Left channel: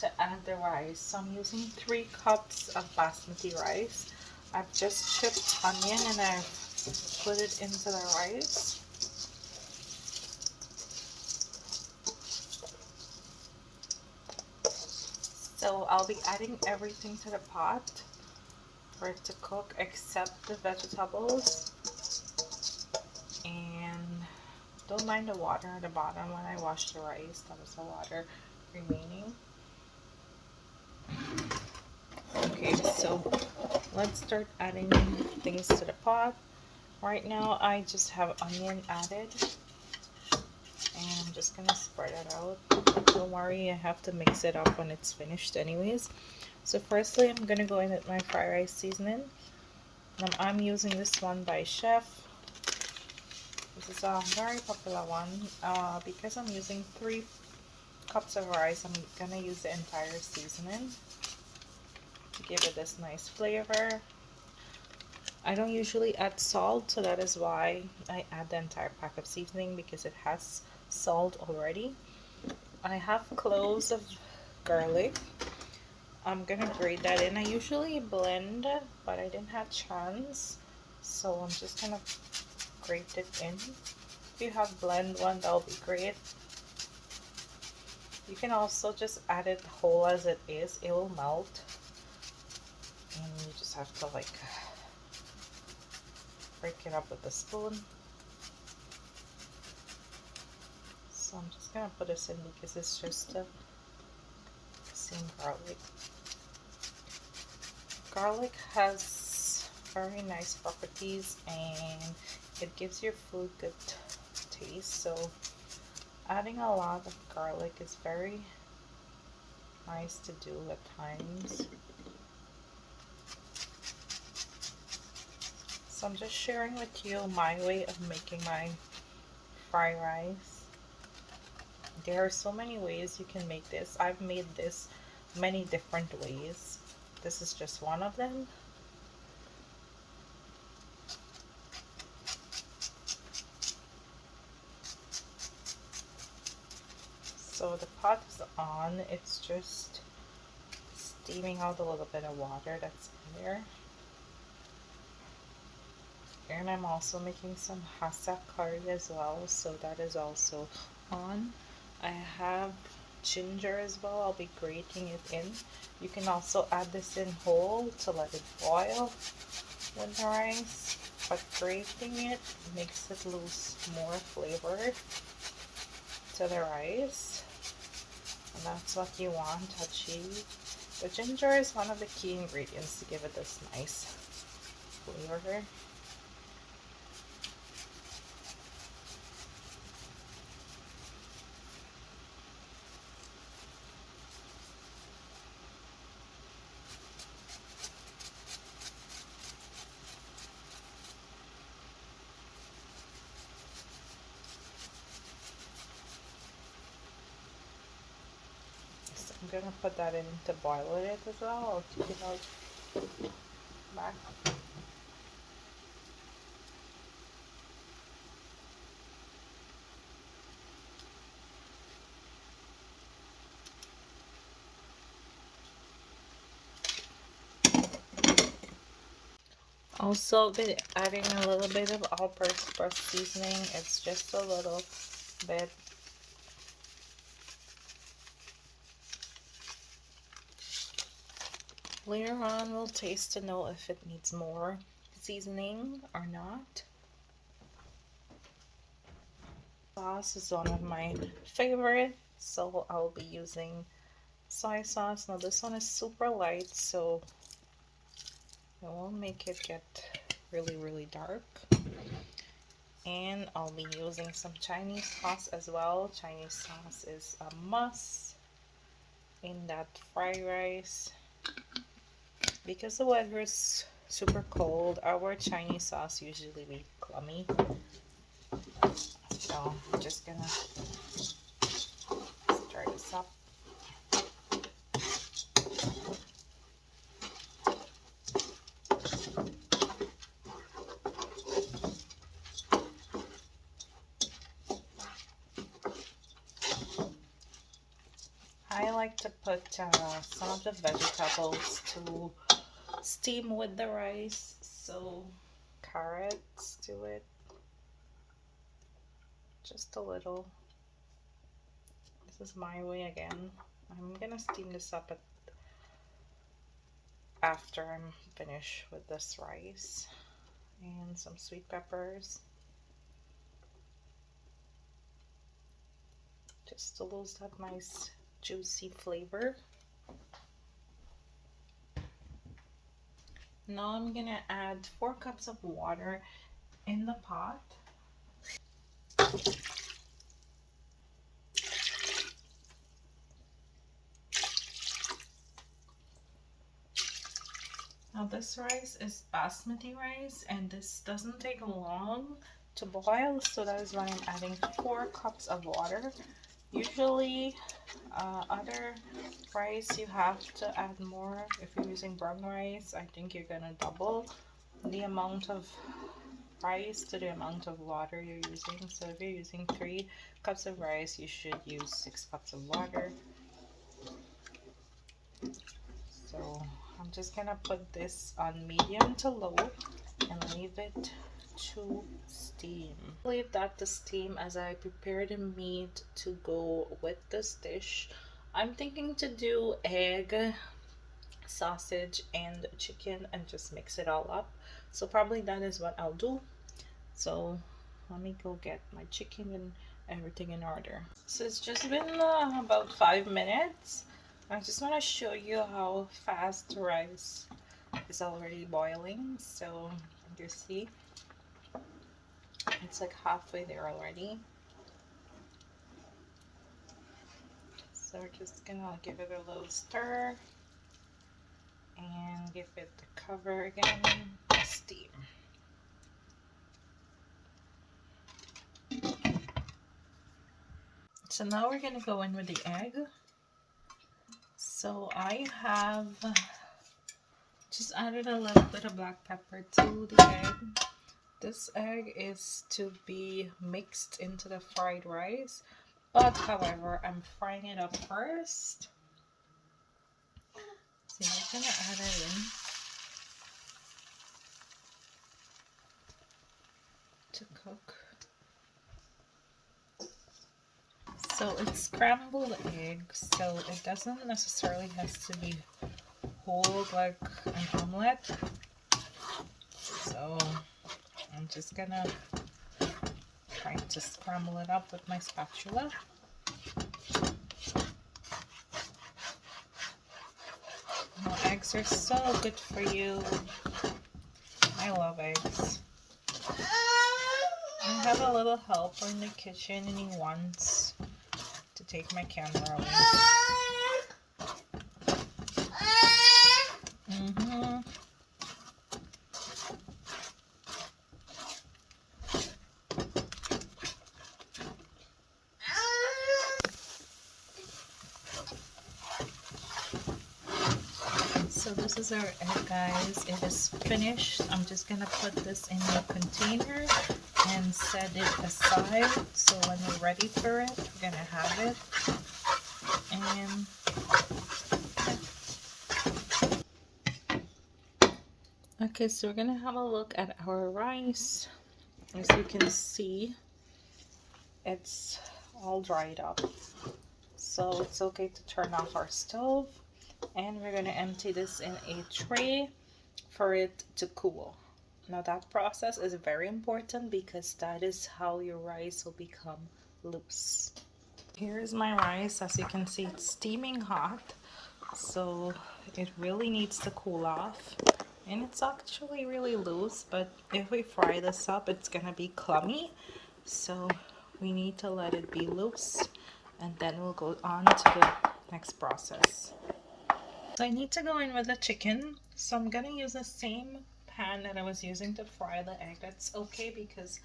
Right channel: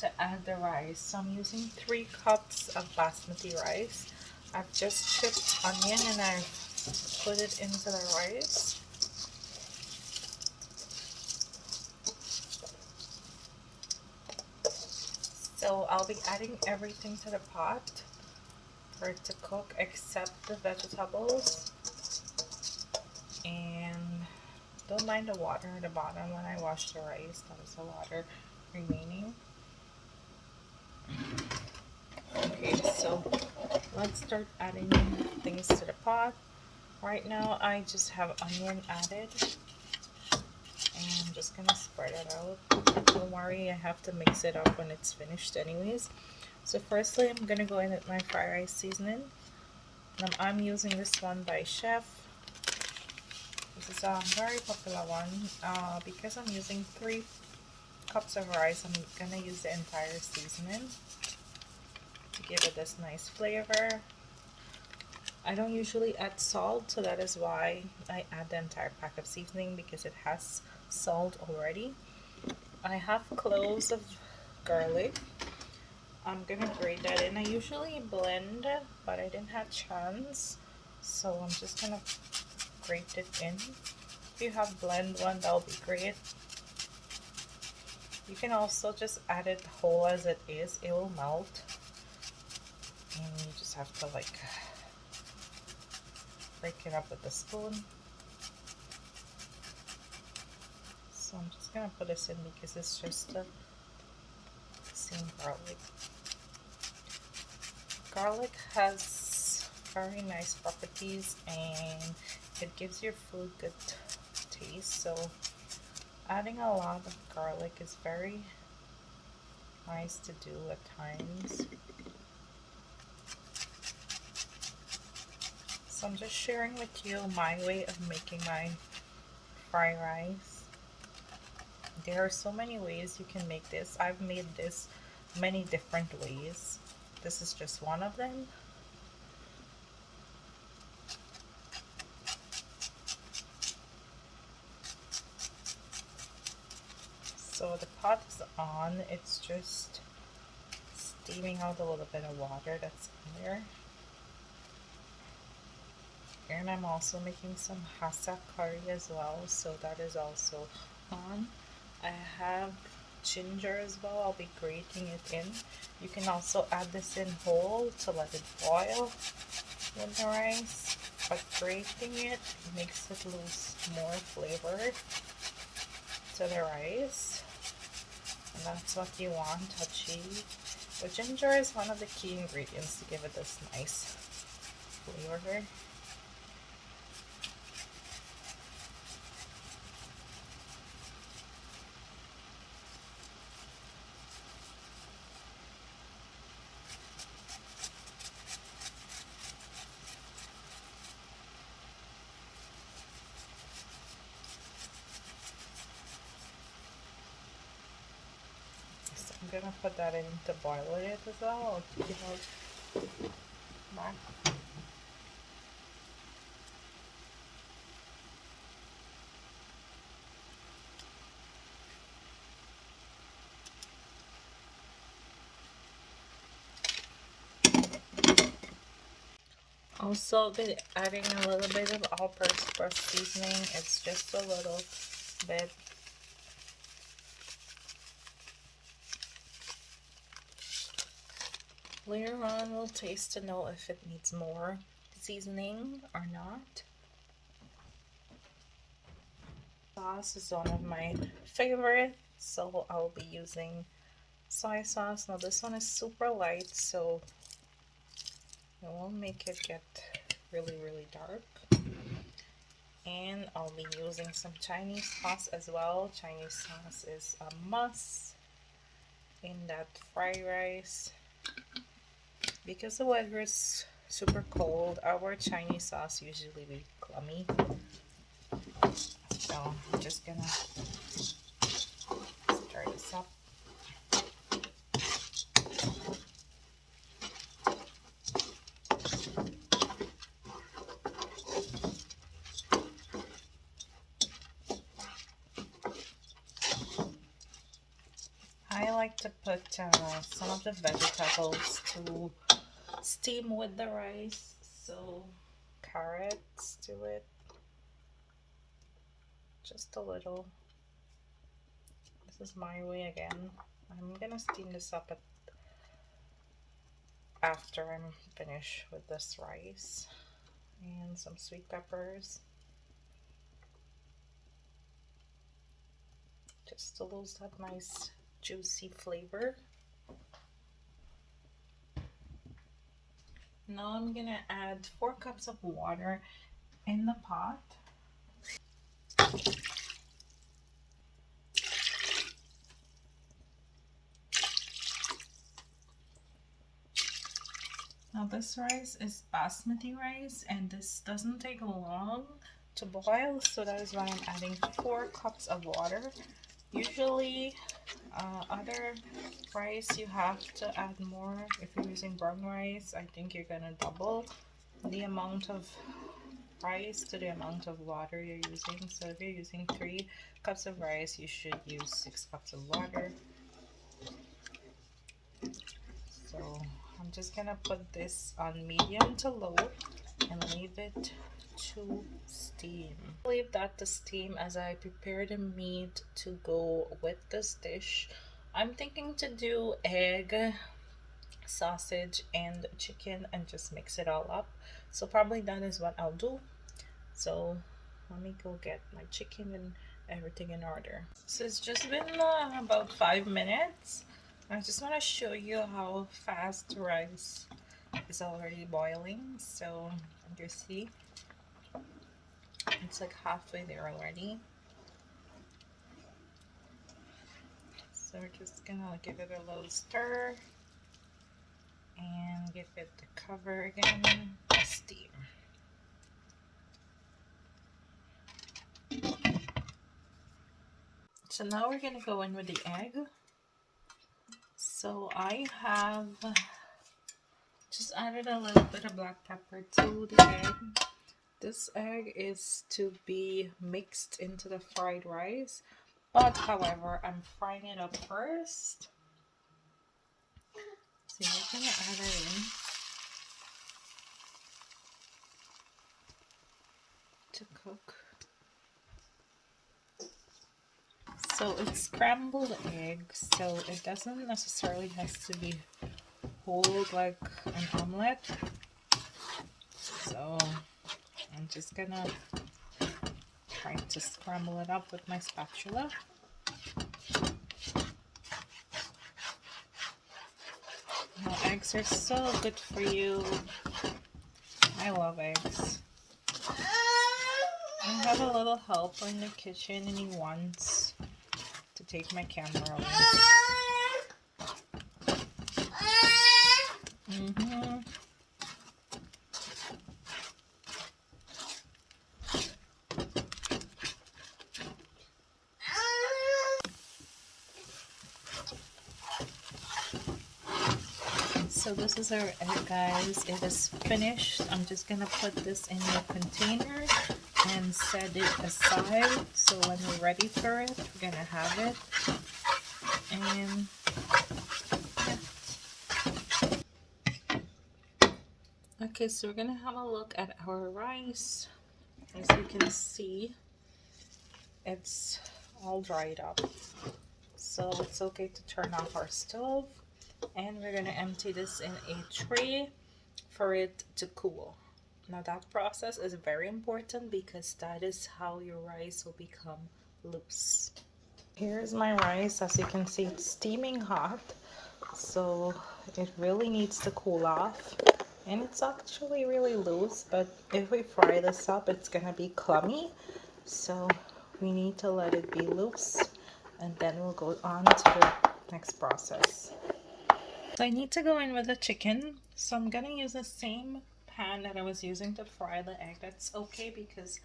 to add the rice. So I'm using 3 cups of basmati rice. I've just chipped onion and I've put it into the rice. So I'll be adding everything to the pot for it to cook except the vegetables. And don't mind the water at the bottom when I wash the rice. That was the water remaining. Okay, so let's start adding things to the pot. Right now I just have onion added. And I'm just gonna spread it out. Don't worry, I have to mix it up when it's finished anyways. So firstly, I'm gonna go in with my fried rice seasoning. I'm using this one by Chef. This is a very popular one. Because I'm using 3 cups of rice, I'm gonna use the entire seasoning to give it this nice flavor. I don't usually add salt, so that is why I add the entire pack of seasoning, because it has salt already. I have cloves of garlic. I'm gonna grate that in. I usually blend, but I didn't have chance, so I'm just gonna grate it in. If you have blend one, that'll be great. You can also just add it whole as it is. It will melt, and you just have to like break it up with a spoon. So I'm just gonna put this in because it's just the same garlic. Garlic has very nice properties and it gives your food good taste, so adding a lot of garlic is very nice to do at times. So I'm just sharing with you my way of making my fried rice. There are so many ways you can make this. I've made this many different ways. This is just one of them. So the pot is on. It's just steaming out a little bit of water that's in there. And I'm also making some hasa curry as well, so that is also on. I have ginger as well. I'll be grating it in. You can also add this in whole to let it boil with the rice, but grating it makes it lose more flavor to the rice, and that's what you want to achieve. The ginger is one of the key ingredients to give it this nice flavor. I'm gonna put that in to boil it as well. You know, back. Also, be adding a little bit of all-purpose seasoning. It's just a little bit. Later on, we'll taste to know if it needs more seasoning or not. Sauce is one of my favorite, so I'll be using soy sauce. Now this one is super light, so it won't make it get really dark. And I'll be using some Chinese sauce as well. Chinese sauce is a must in that fried rice. Because the weather is super cold, our Chinese sauce usually be clummy. So I'm just gonna stir this up. I like to put some of the vegetables to steam with the rice. So carrots to it, just a little. This is my way again. I'm gonna steam this up after I'm finished with this rice. And some sweet peppers, just to lose that nice juicy flavor. Now I'm gonna add 4 cups of water in the pot. Now this rice is basmati rice and this doesn't take long to boil, so that is why I'm adding 4 cups of water. Usually other rice you have to add more. If you're using brown rice, I think you're gonna double the amount of rice to the amount of water you're using. So if you're using 3 cups of rice, you should use 6 cups of water. So I'm just gonna put this on medium to low and leave it to steam. Leave that to steam as I prepare the meat to go with this dish. I'm thinking to do egg, sausage, and chicken and just mix it all up. So probably that is what I'll do. So let me go get my chicken and everything in order. So it's just been about 5 minutes. I just want to show you how fast the rice is already boiling. So you see, it's like halfway there already. So we're just gonna give it a little stir and give it the cover again, steam. So now we're gonna go in with the egg. So I have just added a little bit of black pepper to the egg. This egg is to be mixed into the fried rice, but however, I'm frying it up first. So we're gonna add it in to cook. So it's scrambled eggs, so it doesn't necessarily has to be whole like an omelette. So I'm just gonna try to scramble it up with my spatula. Now, eggs are so good for you. I love eggs. I have a little helper in the kitchen and he wants to take my camera away. So this is our egg, guys. It is finished. I'm just gonna put this in the container and set it aside, so when you're ready for it, you're gonna have it. And okay, so we're gonna have a look at our rice. As you can see, it's all dried up, so it's okay to turn off our stove, and we're gonna empty this in a tray for it to cool. Now that process is very important because that is how your rice will become loose. Here's my rice. As you can see, it's steaming hot, so it really needs to cool off. And it's actually really loose, but if we fry this up, it's gonna be clummy. So we need to let it be loose, and then we'll go on to the next process. So I need to go in with the chicken. So I'm gonna use the same pan that I was using to fry the egg. That's okay because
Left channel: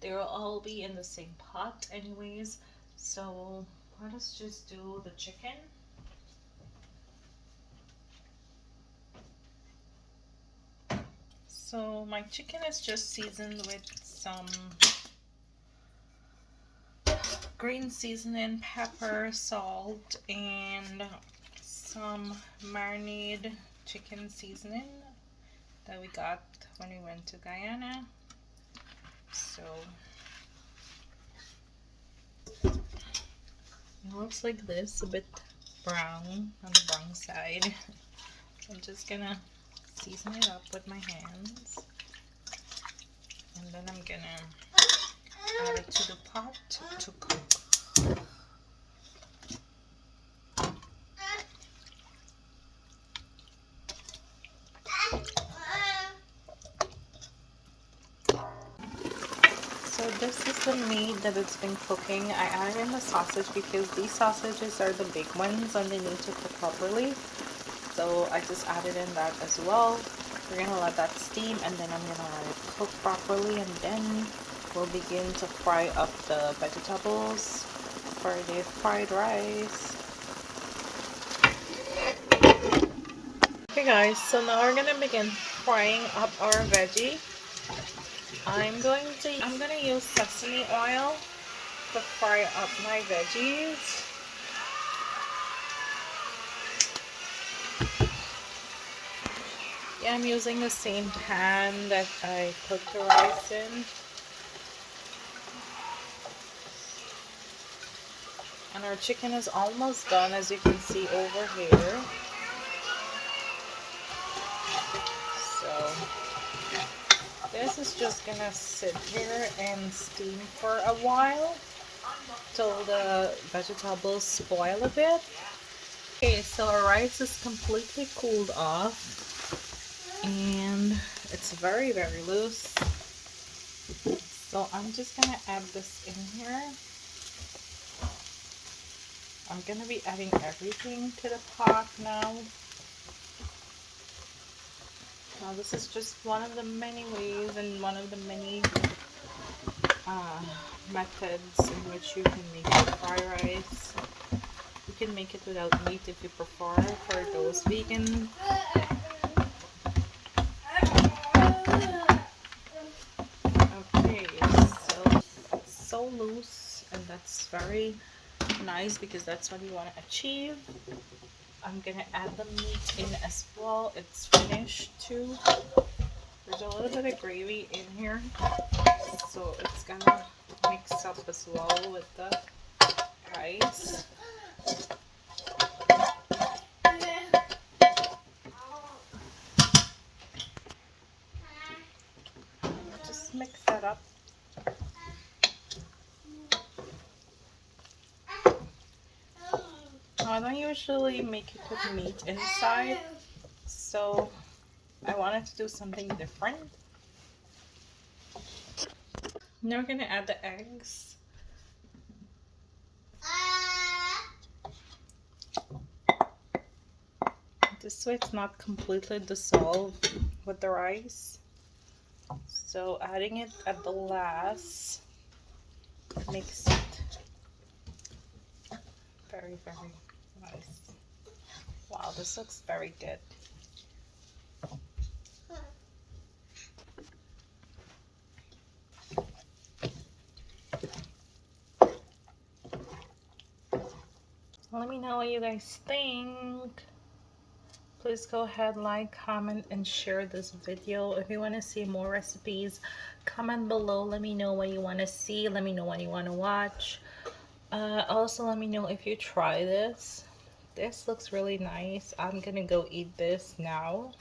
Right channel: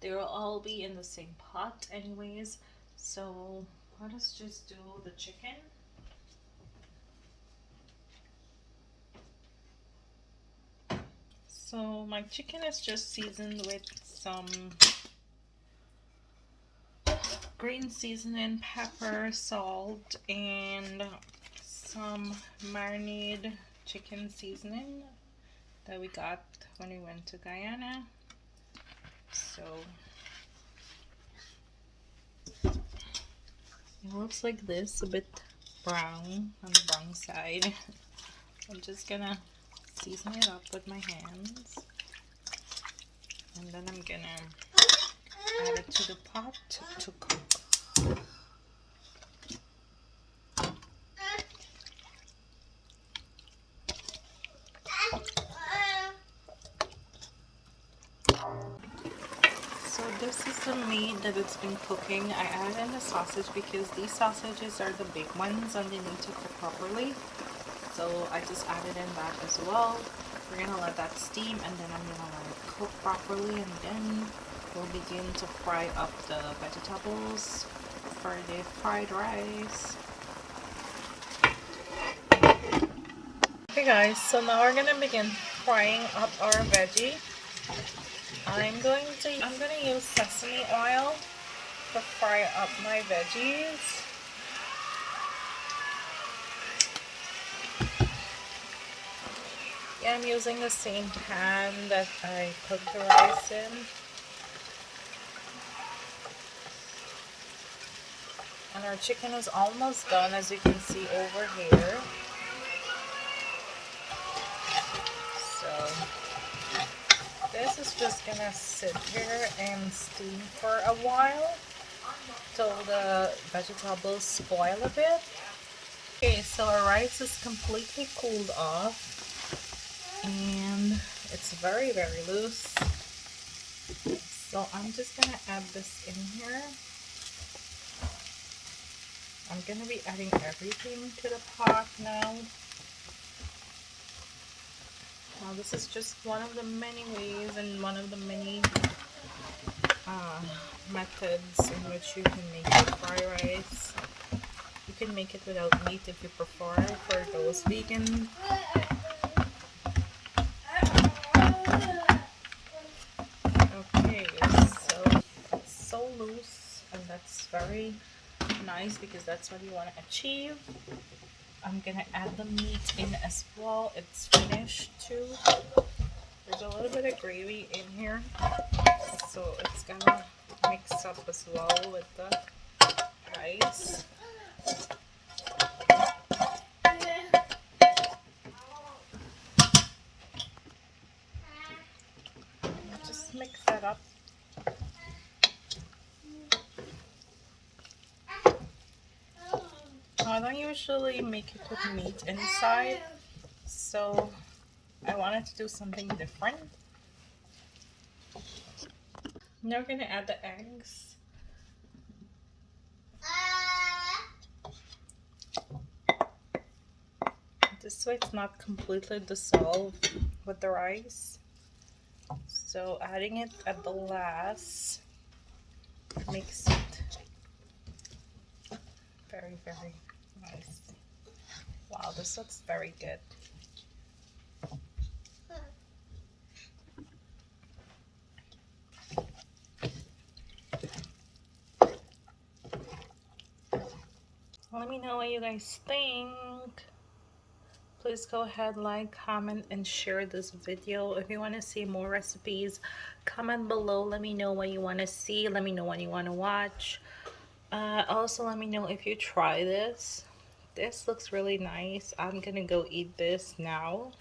they'll all be in the same pot anyways. So let us just do the chicken. So my chicken is just seasoned with some green seasoning, pepper, salt, and some marinated chicken seasoning that we got when we went to Guyana. So it looks like this, a bit brown on the brown side. I'm just gonna season it up with my hands, and then I'm gonna add it to the pot to cook. So this is the meat that it's been cooking. I added in the sausage because these sausages are the big ones and they need to cook properly. So I just added in that as well. We're gonna let that steam, and then I'm gonna let it cook properly, and then we'll begin to fry up the vegetables for the fried rice. Okay guys, so now we're gonna begin frying up our veggie. I'm gonna use sesame oil to fry up my veggies. Yeah, I'm using the same pan that I cooked the rice in. And our chicken is almost done, as you can see over here. So this is just gonna sit here and steam for a while till the vegetables spoil a bit. Okay, so our rice is completely cooled off and it's very loose. So I'm just gonna add this in here. I'm gonna be adding everything to the pot now. Now this is just one of the many ways and one of the many methods in which you can make your fried rice. You can make it without meat if you prefer, for those vegan. Okay, so it's so loose, and that's very nice because that's what you want to achieve. I'm gonna add the meat in as well. It's finished too. There's a little bit of gravy in here, so it's gonna mix up as well with the rice. Just mix that up. I don't usually make it with meat inside, so I wanted to do something different. Now we're gonna add the eggs. This way it's not completely dissolved with the rice. So adding it at the last makes it very nice. Wow, this looks very good. Let me know what you guys think. Please go ahead, like, comment, and share this video. If you want to see more recipes, comment below. Let me know what you want to see. Let me know what you want to watch. Also, let me know if you try this. This looks really nice. I'm gonna go eat this now.